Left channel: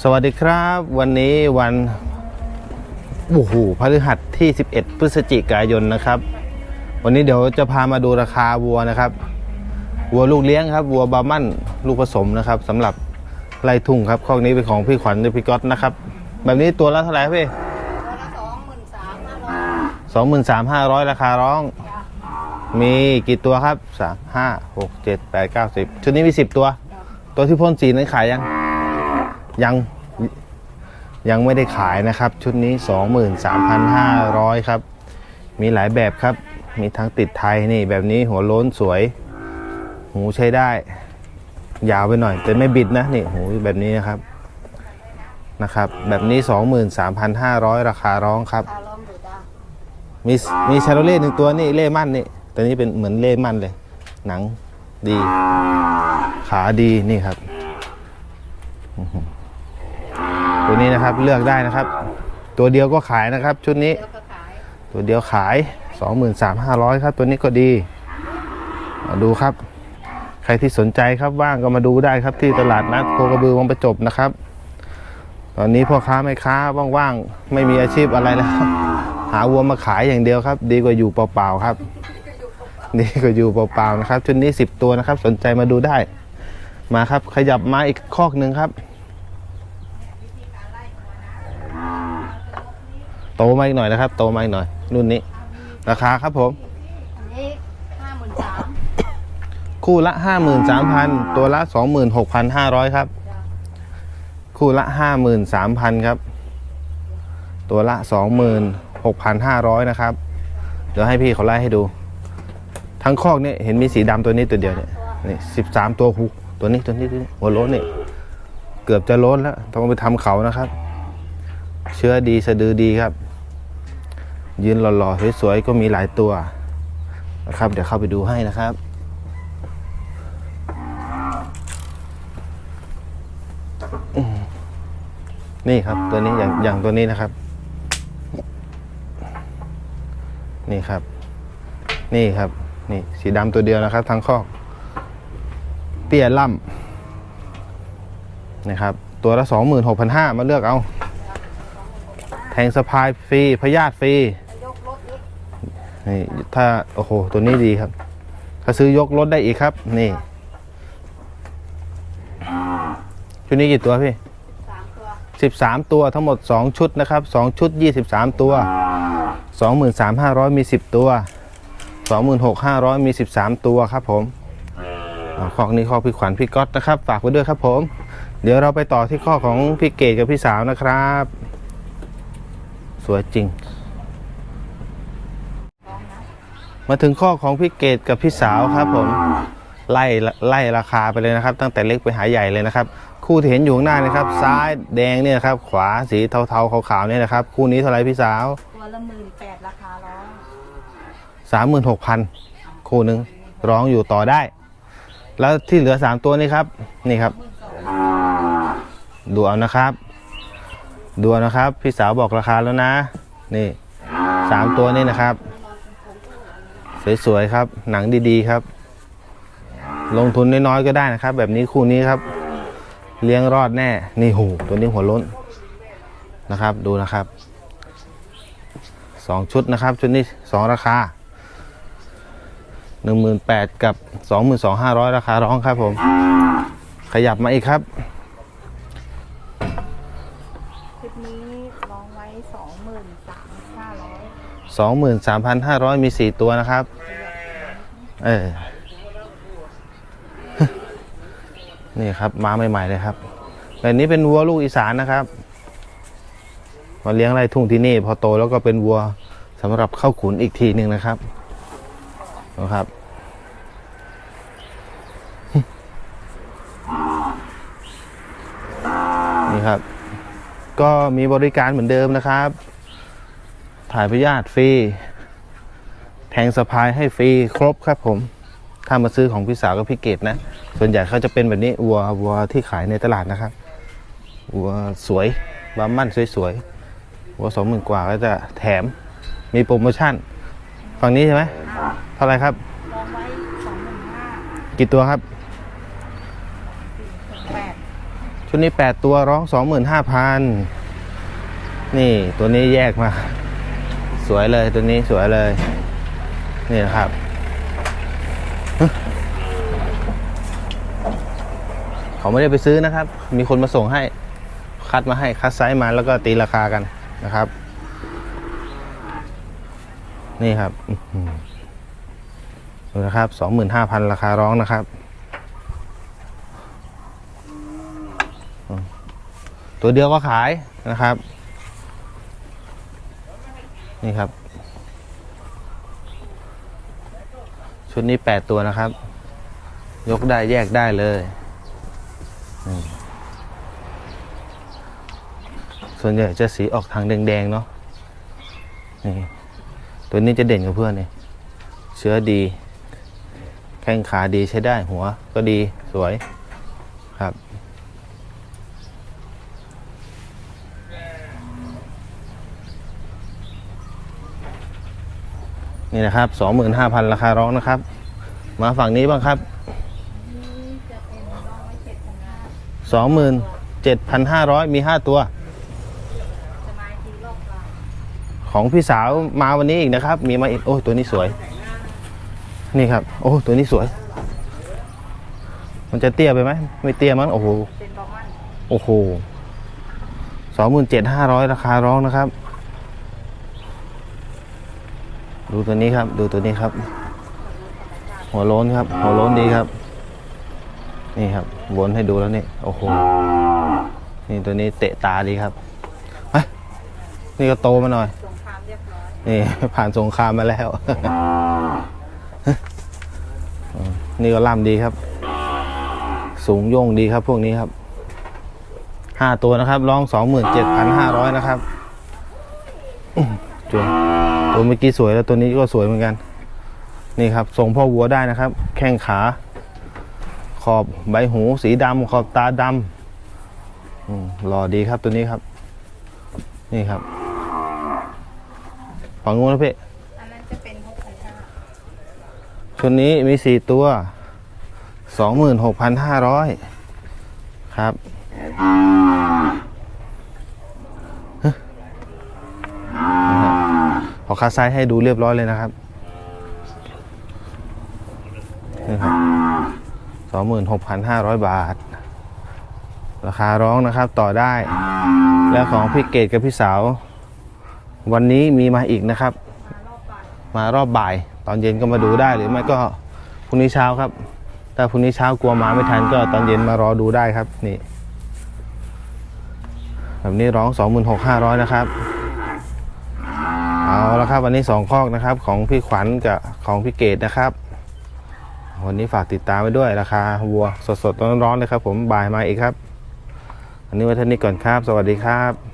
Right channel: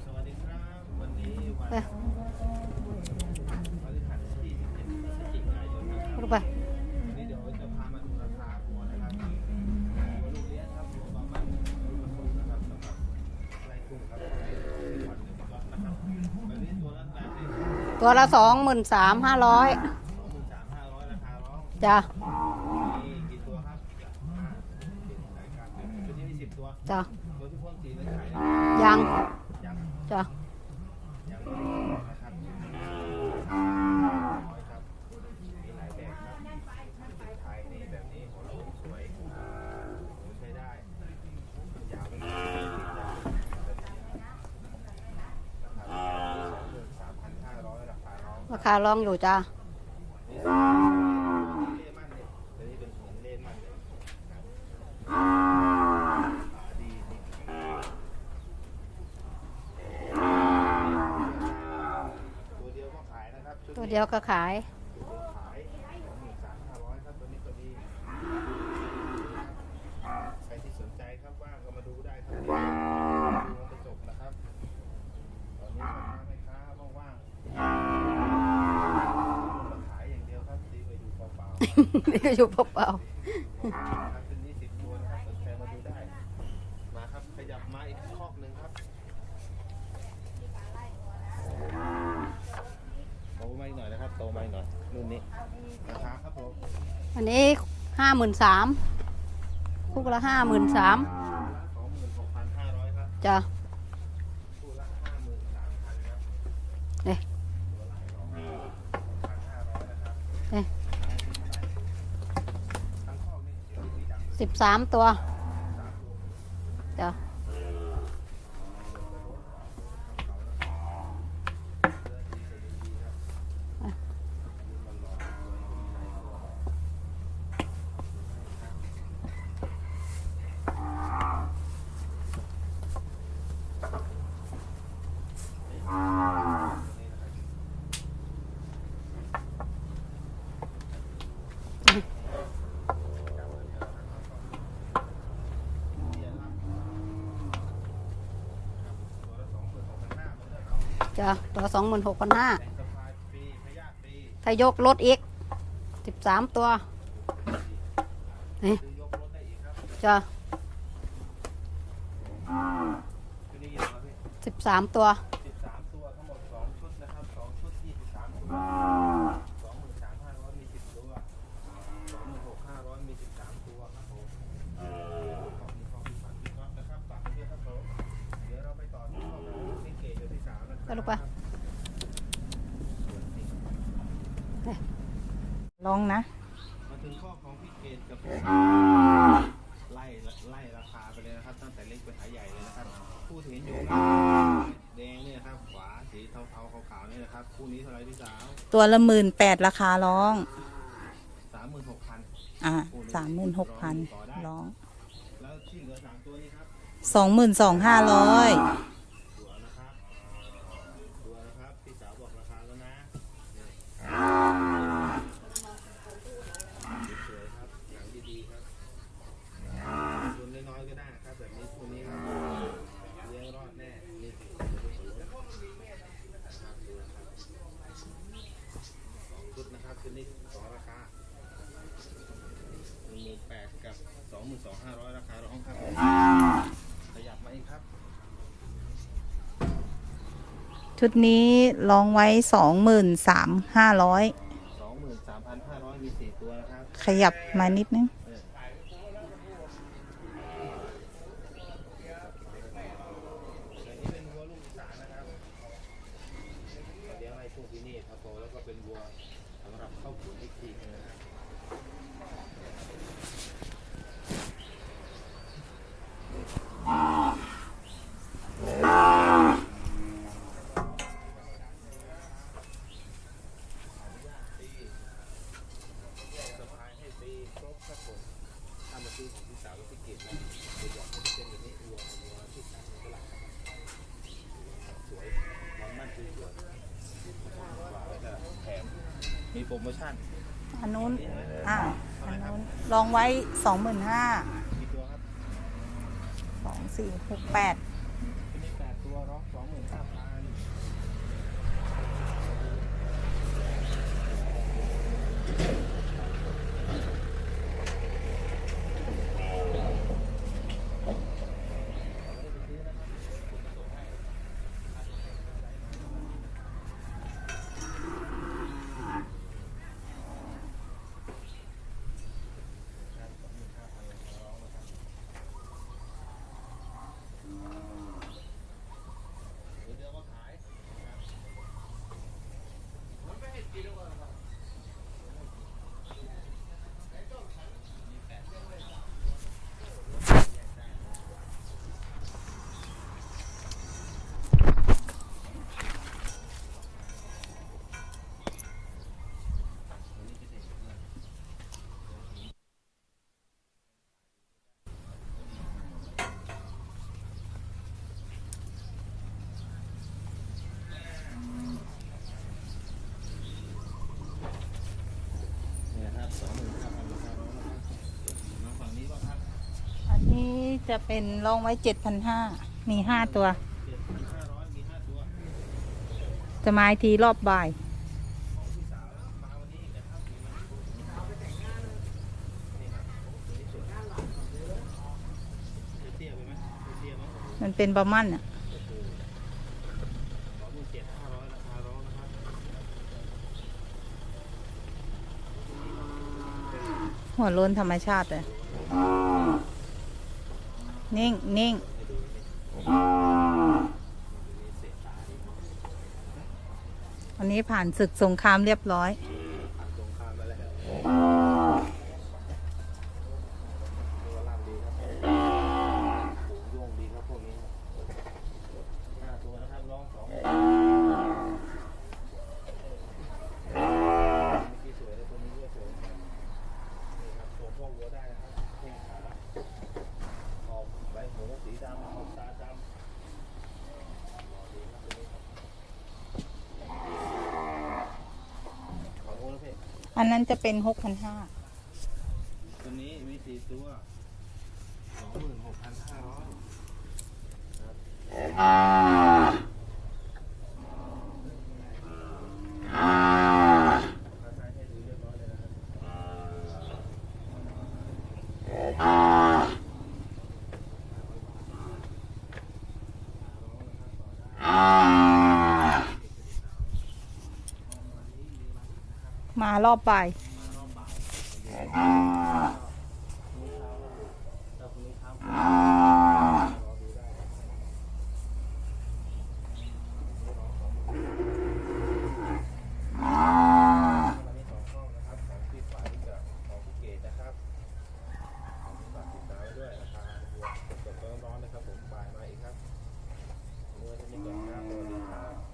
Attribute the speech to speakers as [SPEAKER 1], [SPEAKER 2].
[SPEAKER 1] สวัสดีครับ วันนี้วันโอ้โหพฤหัสที่ 11 พฤศจิกายนนะครับ วันนี้เดี๋ยวจะพามาดูราคาวัวนะครับ วัวลูกเลี้ยงครับ วัวบาร์มันลูกผสมนะครับสำหรับไล่ทุ่งครับข้อนี้เป็นของพี่ขวัญหรือพี่ก๊อตนะครับ แบบนี้ตัวละเท่าไหร่ครับพี่
[SPEAKER 2] ตัวละสองหมื่นสามห้าร้อย
[SPEAKER 1] สองหมื่นสามห้าร้อยราคาร้อง
[SPEAKER 2] จ้ะ
[SPEAKER 1] มีกี่ตัวครับสามห้าหกเจ็ดแปดเก้าสิบชุดนี้มีสิบตัว
[SPEAKER 2] จ้ะ
[SPEAKER 1] ตัวที่พ่นสีนั้นขายยัง
[SPEAKER 2] ยัง
[SPEAKER 1] ยัง
[SPEAKER 2] จ้ะ
[SPEAKER 1] ยังไม่ได้ขายนะครับ ชุดนี้ 23,500 ครับ มีหลายแบบครับ มีทั้งติดไทยนี่แบบนี้หัวโล้นสวย หูใช้ได้ ยาวไปหน่อย แต่ไม่บิดนะนี่หูแบบนี้นะครับนะครับ แบบนี้ 23,500 ราคาร้องครับ
[SPEAKER 2] ขาลองอยู่จ้ะ
[SPEAKER 1] มีมีชาโรเล่หนึ่งตัวนี่เล่มั่นนี่ตัวนี้เป็นเหมือนเล่มั่นเลย หนังดี ขาดีนี่ครับอื้อหือ ตัวนี้นะครับเลือกได้นะครับ ตัวเดียวก็ขายนะครับ ชุดนี้
[SPEAKER 2] เดี๋ยวก็ขาย
[SPEAKER 1] ตัวเดียวขาย 23,500 ครับ ตัวนี้ก็ดีมาดูครับ ใครที่สนใจครับว่างก็มาดูได้ครับที่ตลาดนัดโคกระบือวังประจบนะครับ ตอนนี้พ่อค้าแม่ค้าว่างๆไม่มีอาชีพอะไรแล้วครับหาวัวมาขายอย่างเดียวครับ ดีกว่าอยู่เปล่าๆครับ
[SPEAKER 2] นี่ก็อยู่เปล่า
[SPEAKER 1] ดีกว่าอยู่เปล่าๆนะครับชุดนี้ 10 ตัวนะครับ สนใจมาดูได้ มาครับขยับมาอีกคอกหนึ่งครับ โตมาอีกหน่อยนะครับ โตมาอีกหน่อย รุ่นนี้ ราคาครับผม
[SPEAKER 2] ๆอันนี้ห้าหมื่นสาม
[SPEAKER 1] คู่ละ 53,000 ตัวละ 26,500 ครับ
[SPEAKER 2] จ้ะ
[SPEAKER 1] คู่ละ 53,000 ครับ
[SPEAKER 2] นี่
[SPEAKER 1] ตัวละ 26,500 นะครับ
[SPEAKER 2] นี่
[SPEAKER 1] เดี๋ยวให้พี่เขาไล่ให้ดู ทั้งคอกเนี่ยเห็นมีสีดำตัวนี้ตัวเดียว
[SPEAKER 2] สาม
[SPEAKER 1] เนี่ย
[SPEAKER 2] ตัว
[SPEAKER 1] นี่สิบสามตัวหูตัวนี้ตัวนี้ตัวนี้หัวโล้นนี่ เกือบจะโล้นแล้ว ต้องไปทำเขานะครับ เชื้อดีสะดือดีครับ ยืนหล่อๆสวยๆก็มีหลายตัวนะครับ เดี๋ยวเข้าไปดูให้นะครับ นี่ครับตัวนี้อย่างอย่างตัวนี้นะครับ นี่ครับ นี่ครับ นี่สีดำตัวเดียวนะครับ ทั้งคอก เตี้ยล่ำนะครับ ตัวละ26,500มาเลือกเอา
[SPEAKER 2] จ้ะตัวสองหมื่นหกพันห้า
[SPEAKER 1] แทงสะพายฟรีพยาธิฟรี
[SPEAKER 2] ถ้ายกรถอีก
[SPEAKER 1] นี่
[SPEAKER 2] สามตัว
[SPEAKER 1] ถ้าโอ้โหตัวนี้ดีครับ ถ้าซื้อยกรถได้อีกครับ นี่
[SPEAKER 2] จ้ะ
[SPEAKER 1] ชุดนี้กี่ตัวพี่
[SPEAKER 2] สิบสามตัว
[SPEAKER 1] 13 ตัวทั้งหมด 2 ชุดนะครับ 2 ชุด 23 ตัว 23,500 มี 10 ตัว 26,500 มี 13 ตัวครับผมอ่าข้อนี้ข้อพี่ขวัญพี่ก๊อตนะครับ ฝากไว้ด้วยครับผม เดี๋ยวเราไปต่อที่ข้อของพี่เกดกับพี่สาวนะครับ สวยจริง
[SPEAKER 3] ลองนะ
[SPEAKER 1] มาถึงข้อของพี่เกดกับพี่สาวครับผมไล่ไล่ราคาไปเลยนะครับ ตั้งแต่เล็กไปหาใหญ่เลยนะครับ คู่ที่เห็นอยู่ข้างหน้านะครับ ซ้ายแดงเนี่ยนะครับ ขวาสีเทาๆขาวๆเนี่ยนะครับ คู่นี้เท่าไหร่พี่สาว
[SPEAKER 3] ตัวละหมื่นแปดราคาร้อง
[SPEAKER 1] 36,000
[SPEAKER 3] อะ
[SPEAKER 1] คู่หนึ่ง
[SPEAKER 3] 36,000
[SPEAKER 1] ร้องอยู่ต่อได้ แล้วที่เหลือ3ตัวนี้ครับนี่
[SPEAKER 3] สอ
[SPEAKER 1] ครั
[SPEAKER 3] ง
[SPEAKER 1] บ
[SPEAKER 3] หมื่นสองห้าร้อย
[SPEAKER 1] ดูเอานะครับ ดูเอานะครับ พี่สาวบอกราคาแล้วนะ นี่สามตัวนี้นะครับ สวยๆครับ หนังดีๆครับ ลงทุนน้อยๆก็ได้นะครับ แบบนี้คู่นี้ครับ เลี้ยงรอดแน่ นี่หูตัวนี้หัวล้นนะครับ ดูนะครับสองชุดนะครับ ชุดนี้สองราคา หนึ่งหมื่นแปดกับสองหมื่นสองห้าร้อยราคาร้องครับผม ขยับมาอีกครับ
[SPEAKER 3] ชุดนี้ร้องไว้สองหมื่นสามห้าร้อย
[SPEAKER 1] 23,500 มี 4 ตัวนะครับ
[SPEAKER 3] ขยับมานิดนึง
[SPEAKER 1] เออ นี่ครับมาใหม่ๆเลยครับแบบนี้เป็นวัวลูกอีสานนะครับมาเลี้ยงไร่ทุ่งที่นี่ พอโตแล้วก็เป็นวัวสำหรับเข้าขุนอีกทีหนึ่งนะครับ นะครับ นี่ครับ ก็มีบริการเหมือนเดิมนะครับ ถ่ายพยาธิฟรี แทงสะพายให้ฟรีครบครับผม ถ้ามาซื้อของพี่สาวกับพี่เกดนะ ส่วนใหญ่เขาจะเป็นแบบนี้วัววัวที่ขายในตลาดนะครับวัวสวยบามั่นสวยๆวัวสองหมื่นกว่าก็จะแถมมีโปรโมชั่น ฝั่งนี้ใช่ไหม เท่าไหรครับ
[SPEAKER 3] ร้องไว้สองหมื่นห้า
[SPEAKER 1] กี่ตัวครับ
[SPEAKER 3] สี่หกแปด
[SPEAKER 1] ชชุดนี้แปดตัวร้องสองหมื่นห้าพันนี่ตัวนี้แยกมา สวยเลยตัวนี้สวยเลย นี่นะครับฮะเขาไม่ได้ไปซื้อนะครับ มีคนมาส่งให้ คัดมาให้คัดไซส์มาแล้วก็ตีราคากันนะครับ นี่ครับอื้อหือ ดูนะครับสองหมื่นห้าพันราคาร้องนะครับ ตัวเดียวก็ขายนะครับ นี่ครับ ชุดนี้แปดตัวนะครับ ยกได้แยกได้เลย ส่วนใหญ่จะสีออกทางแดง ๆ เนาะนี่ตัวนี้จะเด่นกับเพื่อนนี่เชื้อดี แข้งขาดีใช้ได้หัวก็ดีสวยครับนี่นะครับ 25,000 ราคาร้องนะครับ มาฝั่งนี้บ้างครับ
[SPEAKER 3] อันนี้จะเป็นลองไว้เจ็ดพันห้า
[SPEAKER 1] 27,500 มี 5 ตัว
[SPEAKER 3] จะมาอีกทีรอบบ่าย
[SPEAKER 1] ของพี่สาวมาวันนี้อีกนะครับ มีมาอีก โอ้ตัวนี้สวย นี่ครับ โอ้ตัวนี้สวย มันจะเตี้ยไปไหมไม่เตี้ยมั้งโอ้โห
[SPEAKER 3] มันเป็นบะมั่นอะ
[SPEAKER 1] โอ้โหสองหมื่นเจ็ดห้าร้อยราคาร้องนะครับ ดูตัวนี้ครับ ดูตัวนี้ครับ
[SPEAKER 3] หัวโล้นธรรมชาติ
[SPEAKER 1] หัวโล้นครับ หัวโล้นดีครับ นี่ครับ
[SPEAKER 3] นี่
[SPEAKER 1] วนให้ดูแล้วนี่โอ้โหนี่ตัวนี้เตะตาดีครับไปนี่ก็โตมาหน่อย
[SPEAKER 3] ผ่ศึกสงครามเรียบร้อย
[SPEAKER 1] นี่ผ่านสงครามมาแล้ว นี่ก็ล่ำดีครับ สูงโย่งดีครับพวกนี้ครับห้าตัวนะครับร้องสองหมื่นเจ็ดพันห้าร้อยนะครับอื้อตัวเมื่อกี้สวยแล้วตัวนี้ก็สวยเหมือนกัน นี่ครับทรงพ่อวัวได้นะครับ แข้งขา ขอบใบหูสีดำขอบตาดำหล่อดีครับตัวนี้ครับ นี่ครับฝั่งนู้นนะพี่
[SPEAKER 3] อันนั้นจะเป็นหกพันห้า
[SPEAKER 1] ชุดนี้มีสี่ตัวสองหมื่นหกพันห้าร้อยครับฮะนะครับขอคัดไซส์ให้ดูเรียบร้อยเลยนะครับสองหมื่นหกพันห้าร้อยบาท ราคาร้องนะครับต่อได้ แล้วของพี่เกดกับพี่สาว วันนี้มีมาอีกนะครับ
[SPEAKER 3] มารอบบ่าย
[SPEAKER 1] มารอบบ่าย ตอนเย็นก็มาดูได้หรือไม่ก็พรุ่งนี้เช้าครับถ้าพรุ่งนี้เช้ากลัวมาไม่ทันก็ตอนเย็นมารอดูได้ครับนี่ แบบนี้ร้อง 26,500 นะครับ เอาละครับวันนี้สองคอกนะครับ ของพี่ขวัญกับของพี่เกดนะครับ วันนี้ฝากติดตามไว้ด้วยราคาวัวสดๆร้อนๆเลยครับ ผมบ่ายมาอีกครับอันนี้ไว้เท่านี้ก่อนครับ สวัสดีครับ